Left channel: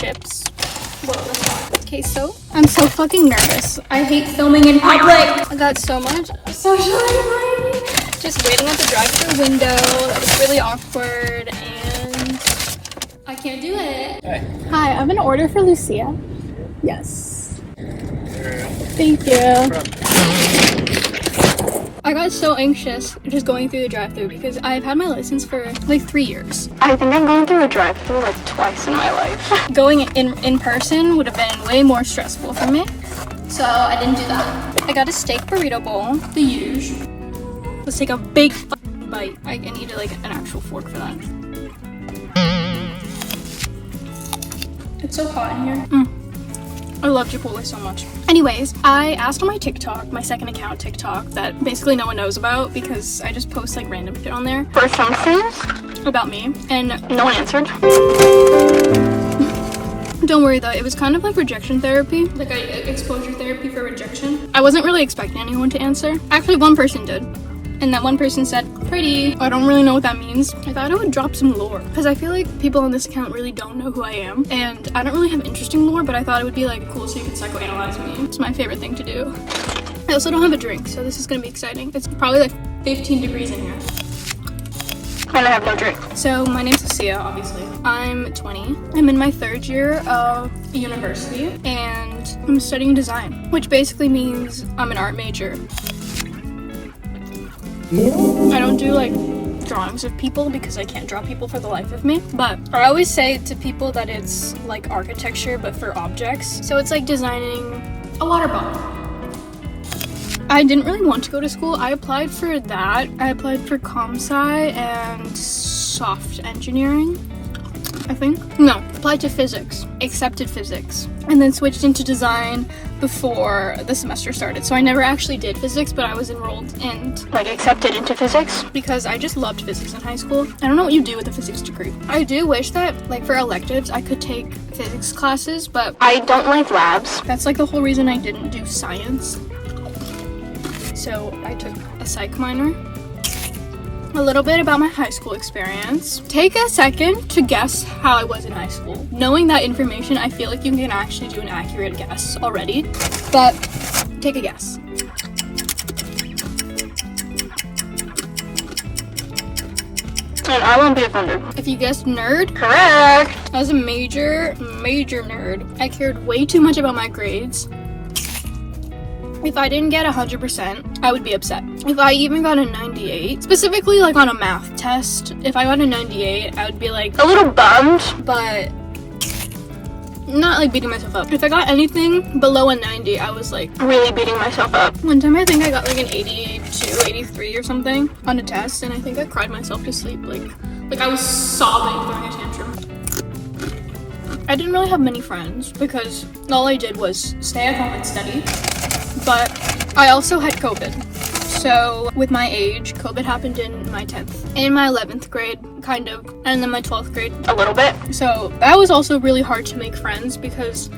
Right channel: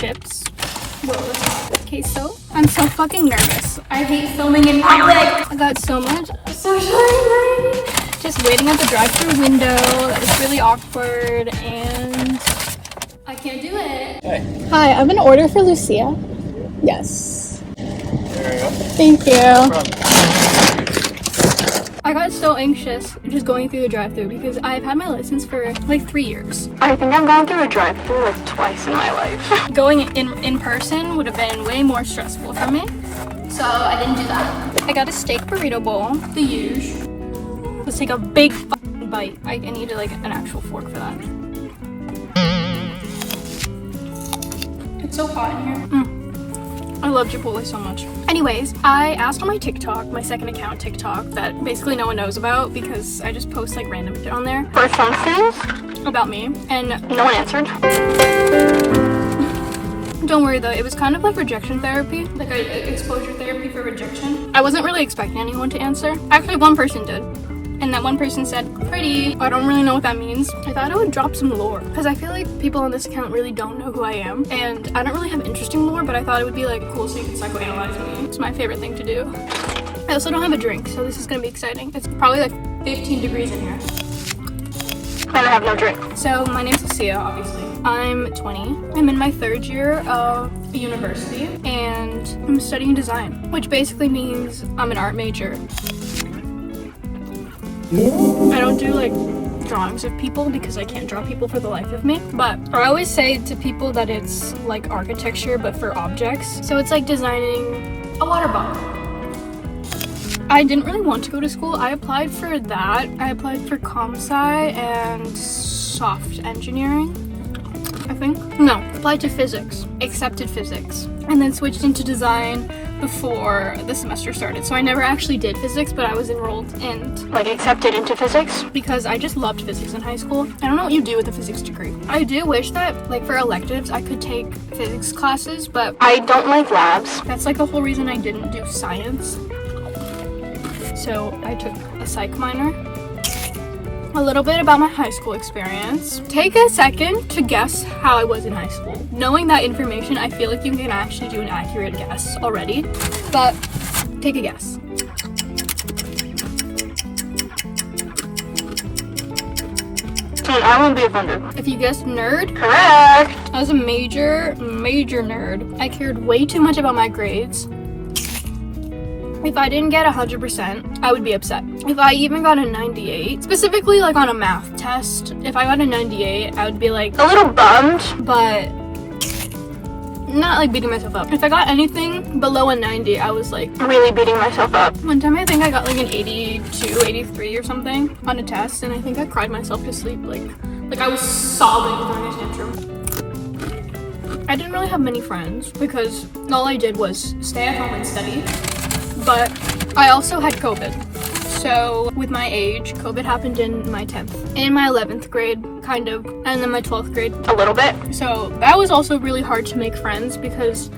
chips. Whoa, queso. I'm so fucking nervous. I hate filming in public. I got so much social anxiety. Just waiting at the drive-thru window. That was really awkward and I can't do it. Hey. Hi, I have an order for Lucia. Yes. There you go. Thank you. I got so anxious just going through the drive-thru because I've had my license for like 3 years. I think I'm going through a drive-thru like twice in my life. Going in person would have been way more stressful for me, so I didn't do that. I got a steak burrito bowl, the usual. Let's take a big fucking bite. I need like an actual fork for that. It's so hot in here. I love Chipotle so much. Anyways, I asked on my TikTok, my second account TikTok, that basically no one knows about because I just post like random shit on there for something about me, and no one answered. Don't worry though, it was kind of like rejection therapy, like exposure therapy for rejection. I wasn't really expecting anyone to answer. Actually, one person did. And that one person said, pretty. I don't really know what that means. I thought I would drop some lore because I feel like people on this account really don't know who I am. And I don't really have interesting lore, but I thought it would be like cool so you can psychoanalyze me. It's my favorite thing to do. I also don't have a drink, so this is gonna be exciting. It's probably like 15 degrees in here. And I have no drink. So my name's Lucia, obviously. I'm 20. I'm in my 3rd year of university and I'm studying design, which basically means I'm an art major. I don't do like drawings of people because I can't draw people for the life of me, but I always say to people that it's like architecture but for objects. So it's like designing a water bottle. I didn't really want to go to school. I applied for that. I applied for comp-sci and soft engineering, I think. No, applied to physics, accepted physics, and then switched into design before the semester started. So I never actually did physics, but I was enrolled and like accepted into physics because I just loved physics in high school. I don't know what you do with a physics degree. I do wish that like for electives I could take physics classes, but I don't like labs. That's like the whole reason I didn't do science. So I took a psych minor. A little bit about my high school experience. Take a second to guess how I was in high school. Knowing that information, I feel like you can actually do an accurate guess already, but take a guess. And I won't be offended. If you guessed nerd, correct! I was a major nerd. I cared way too much about my grades. If I didn't get 100%, I would be upset. If I even got a 98, specifically like on a math test, if I got a 98, I would be like a little bummed, but not like beating myself up. If I got anything below a 90, I was like really beating myself up. One time I think I got like an 82, 83 or something on a test, and I think I cried myself to sleep. Like I was sobbing during a tantrum. I didn't really have many friends because all I did was stay at home and study. But I also had COVID. So with my age, COVID happened in my 10th, in my 11th grade, kind of, and then my 12th grade, a little bit. So that was also really hard to make friends because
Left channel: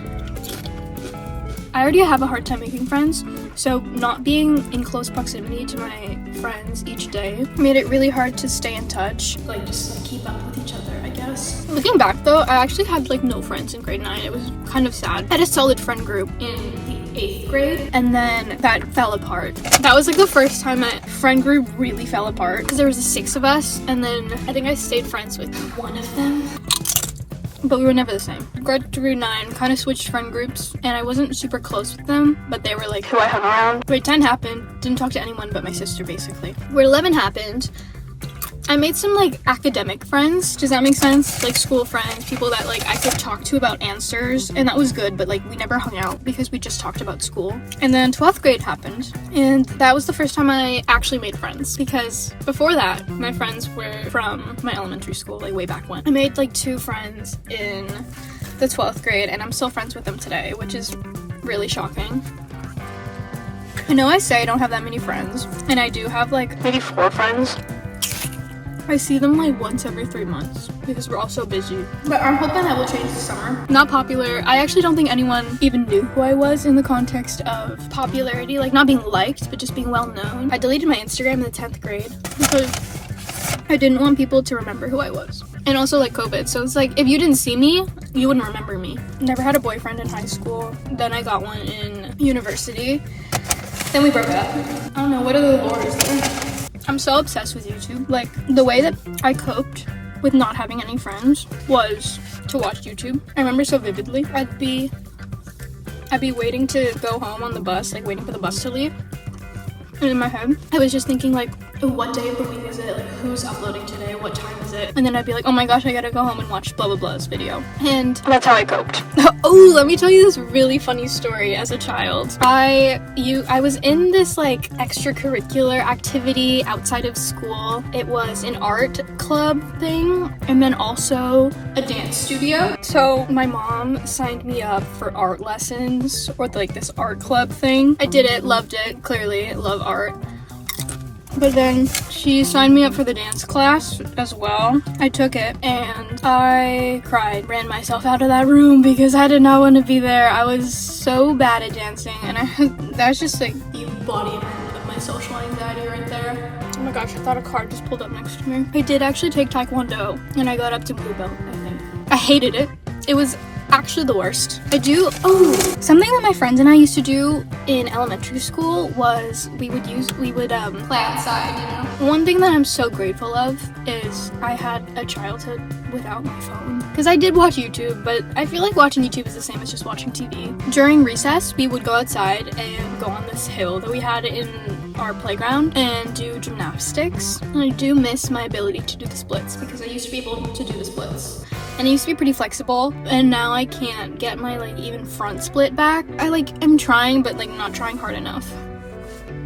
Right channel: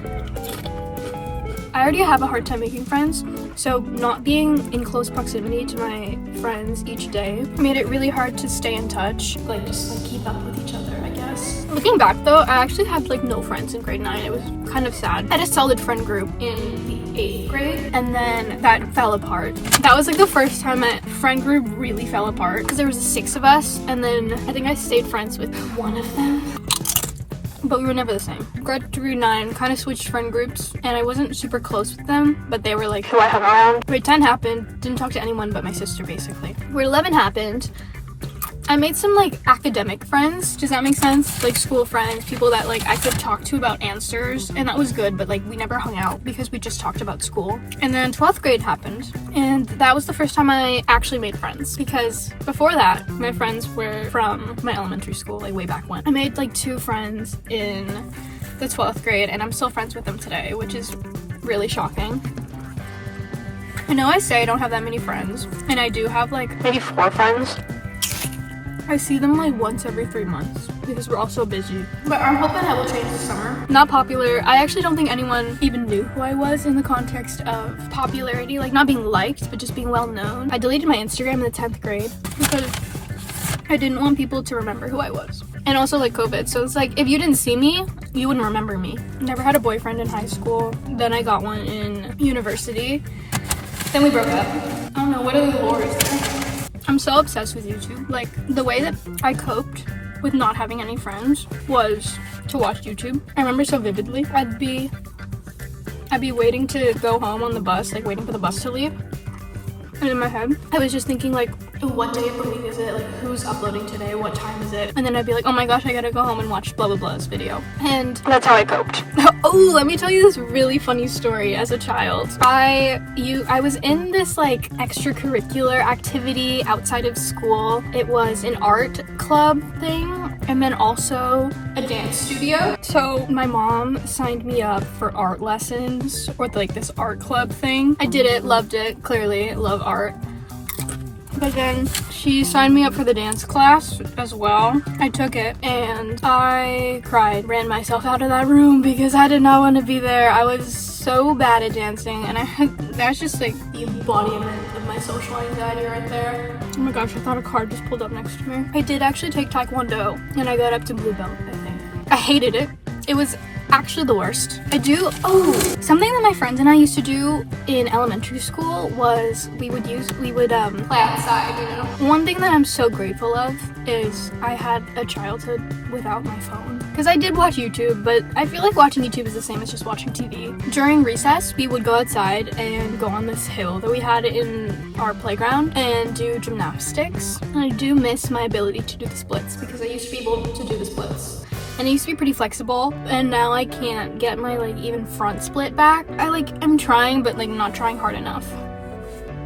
I already have a hard time making friends. So not being in close proximity to my friends each day made it really hard to stay in touch, like just like keep up with each other, I guess. Looking back though, I actually had like no friends in grade 9. It was kind of sad. I had a solid friend group in 8th grade, and then that fell apart. That was like the first time my friend group really fell apart because there was 6 of us, and then I think I stayed friends with one of them, but we were never the same. Grade through 9 kind of switched friend groups, and I wasn't super close with them, but they were like who I hung around. Grade 10 happened, didn't talk to anyone but my sister basically. Grade 11 happened. I made some like academic friends, does that make sense? Like school friends, people that like I could talk to about answers, and that was good, but like we never hung out because we just talked about school. And then 12th grade happened, and that was the first time I actually made friends because before that, my friends were from my elementary school, like way back when. I made like 2 friends in the 12th grade, and I'm still friends with them today, which is really shocking. I know I say I don't have that many friends, and I do have like maybe 4 friends. I see them like once every 3 months because we're all so busy. But I'm hoping that will change this summer. Not popular. I actually don't think anyone even knew who I was in the context of popularity, like not being liked, but just being well known. I deleted my Instagram in the 10th grade because I didn't want people to remember who I was. And also like COVID. So it's like if you didn't see me, you wouldn't remember me. Never had a boyfriend in high school. Then I got one in university. Then we broke up. I don't know, what other lore is there? I'm so obsessed with YouTube. Like, the way that I coped with not having any friends was to watch YouTube. I remember so vividly. I'd be waiting to go home on the bus, like waiting for the bus to leave. And in my head, I was just thinking like, what day of the week is it? Like, who's uploading today? What time is it? And then I'd be like, oh my gosh, I gotta go home and watch blah blah blah's video. And that's how I coped. Oh, let me tell you this really funny story. As a child, I was in this like extracurricular activity outside of school. It was an art club thing, and then also a dance studio. So my mom signed me up for art lessons, or like this art club thing. I did it, loved it, clearly love art. But then she signed me up for the dance class as well. I took it and I cried, ran myself out of that room because I did not want to be there. I was so bad at dancing, and that's just like the embodiment of my social anxiety right there. Oh my gosh, I thought a car just pulled up next to me. I did actually take Taekwondo and I got up to blue belt, I think. I hated it. It was actually the worst. Something that my friends and I used to do in elementary school was we would play outside, you know. One thing that I'm so grateful of is I had a childhood without my phone. Because I did watch YouTube, but I feel like watching YouTube is the same as just watching TV. During recess, we would go outside and go on this hill that we had in our playground and do gymnastics. And I do miss my ability to do the splits because I used to be able to do the splits. And it used to be pretty flexible, and now I can't get my like even front split back. I'm trying, but like not trying hard enough.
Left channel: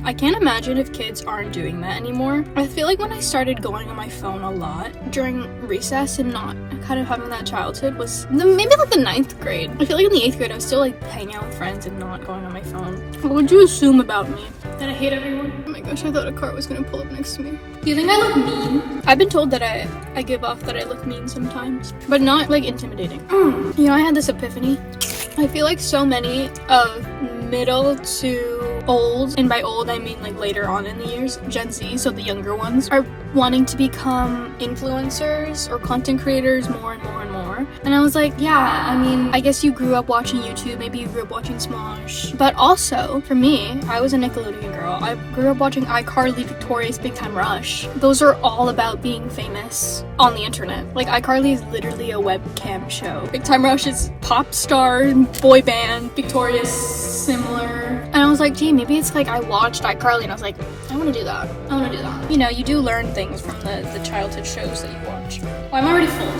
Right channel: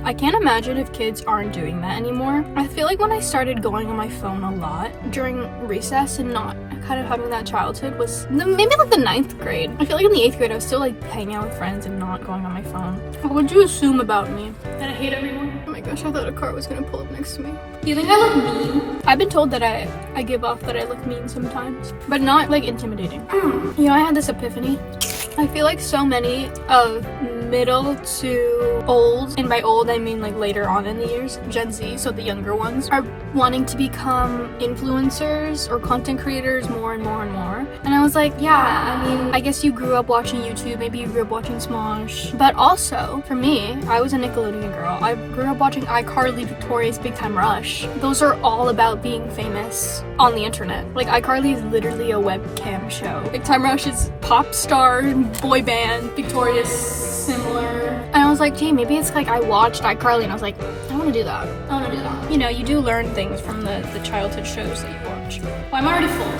I can't imagine if kids aren't doing that anymore. I feel like when I started going on my phone a lot during recess and not kind of having that childhood was maybe like the 9th grade. I feel like in the 8th grade I was still like hanging out with friends and not going on my phone. What would you assume about me? That I hate everyone? Oh my gosh, I thought a car was gonna pull up next to me. Do you think I look mean? I've been told that I give off that I look mean sometimes, but not like intimidating. You know, I had this epiphany. I feel like so many of middle to old, and by old I mean like later on in the years, Gen Z, so the younger ones, are wanting to become influencers or content creators more and more and more. And I was like, yeah, I mean, I guess you grew up watching YouTube, maybe you grew up watching Smosh, but also, for me, I was a Nickelodeon girl. I grew up watching iCarly, Victorious, Big Time Rush. Those are all about being famous on the internet. Like, iCarly is literally a webcam show. Big Time Rush is pop star, boy band, Victorious, similar. And I was like, gee, maybe it's like I watched iCarly and I was like, I want to do that. I want to do that. You know, you do learn things from the childhood shows that you watch. Well, I'm already full.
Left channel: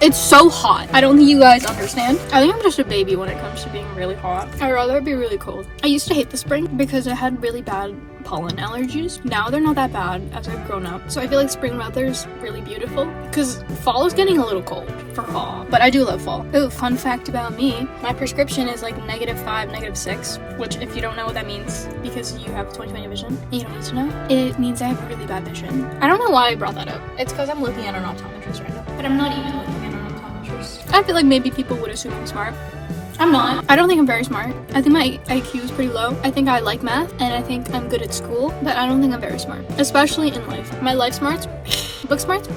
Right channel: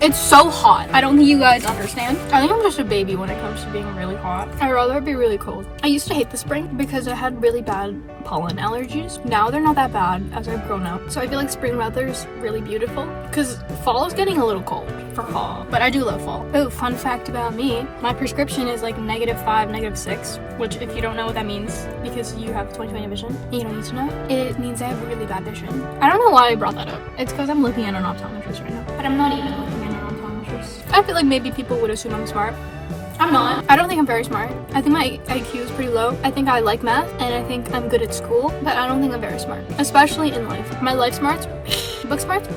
It's so hot. I don't think you guys understand. I think I'm just a baby when it comes to being really hot. I'd rather it be really cold. I used to hate the spring because I had really bad pollen allergies. Now they're not that bad as I've grown up. So I feel like spring weather is really beautiful because fall is getting a little cold for fall. But I do love fall. Oh, fun fact about me. My prescription is like -5, -6, which if you don't know what that means, because you have 20/20 vision, you don't need to know. It means I have really bad vision. I don't know why I brought that up. It's because I'm looking at an optometrist right now. But I'm not even looking at an optometrist. I feel like maybe people would assume I'm smart. I'm not. I don't think I'm very smart. I think my IQ is pretty low. I think I like math, and I think I'm good at school, but I don't think I'm very smart. Especially in life. My life smarts, book smarts,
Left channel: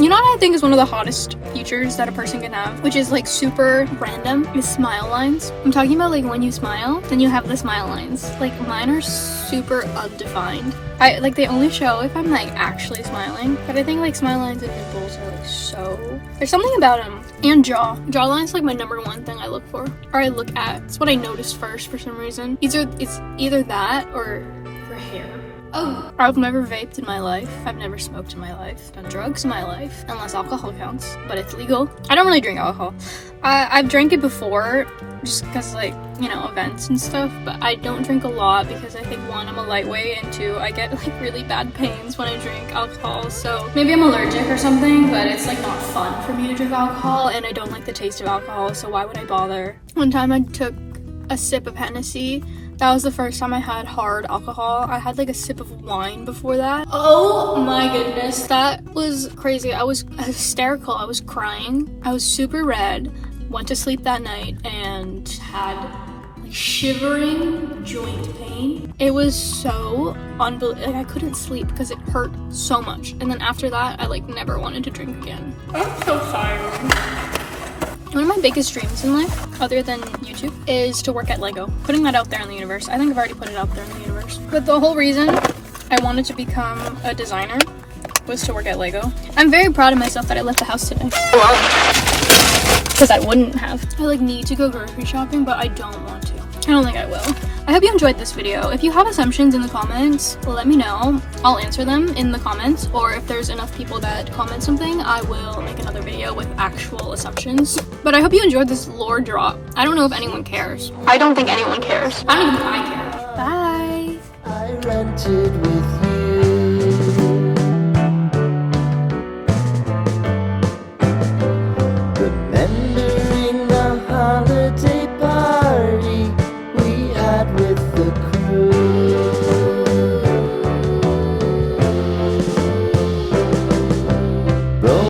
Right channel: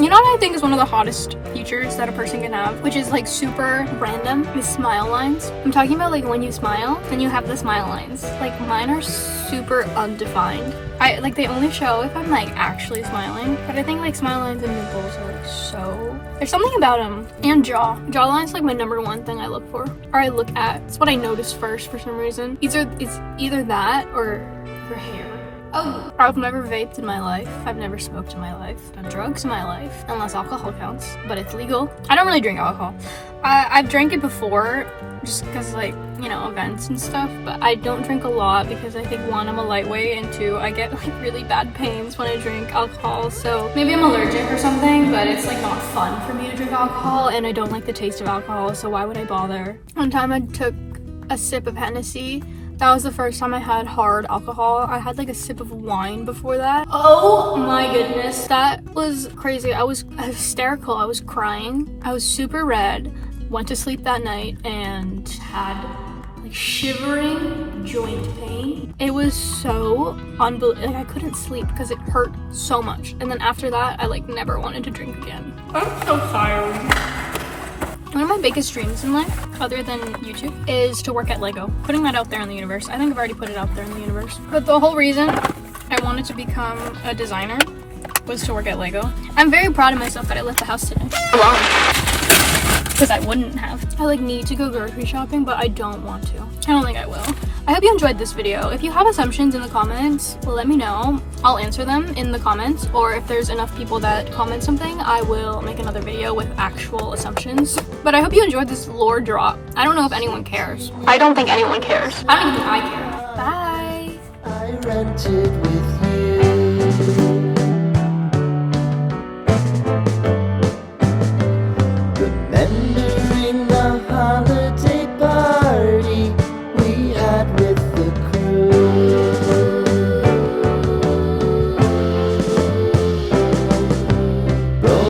you know what I think is one of the hottest features that a person can have, which is like super random, is smile lines. I'm talking about like when you smile, and you have the smile lines. Like mine are super undefined. They only show if I'm like actually smiling, but I think like smile lines and nipples are like so, there's something about them. And jawline is like my #1 thing I look for, or I look at. It's what I notice first for some reason. It's either that or your hair. Oh, I've never vaped in my life. I've never smoked in my life. Done drugs in my life, unless alcohol counts, but it's legal. I don't really drink alcohol. I've drank it before, just because like, you know, events and stuff, but I don't drink a lot because I think 1, I'm a lightweight, and 2, I get like really bad pains when I drink alcohol, so maybe I'm allergic or something, but it's like not fun for me to drink alcohol, and I don't like the taste of alcohol, so why would I bother? One time I took a sip of Hennessy. That was the first time I had hard alcohol. I had like a sip of wine before that. Oh my goodness, that was crazy. I was hysterical. I was crying. I was super red. Went to sleep that night and had shivering joint pain. It was so unbelievable. I couldn't sleep because it hurt so much. And then after that, I like never wanted to drink again. I'm so tired. One of my biggest dreams in life, other than YouTube, is to work at Lego. Putting that out there in the universe. I think I've already put it out there in the universe. But the whole reason I wanted to become a designer was to work at Lego. I'm very proud of myself that I left the house today alone. Because I wouldn't have. I need to go grocery shopping, but I don't want to. I don't think I will. I hope you enjoyed this video. If you have assumptions in the comments, let me know. I'll answer them in the comments, or if there's enough people that comment something, I will make another video with actual assumptions. But I hope you enjoyed this lore drop. I don't know if anyone cares. I don't think anyone cares. I don't even think I care. Bye. I rented with you.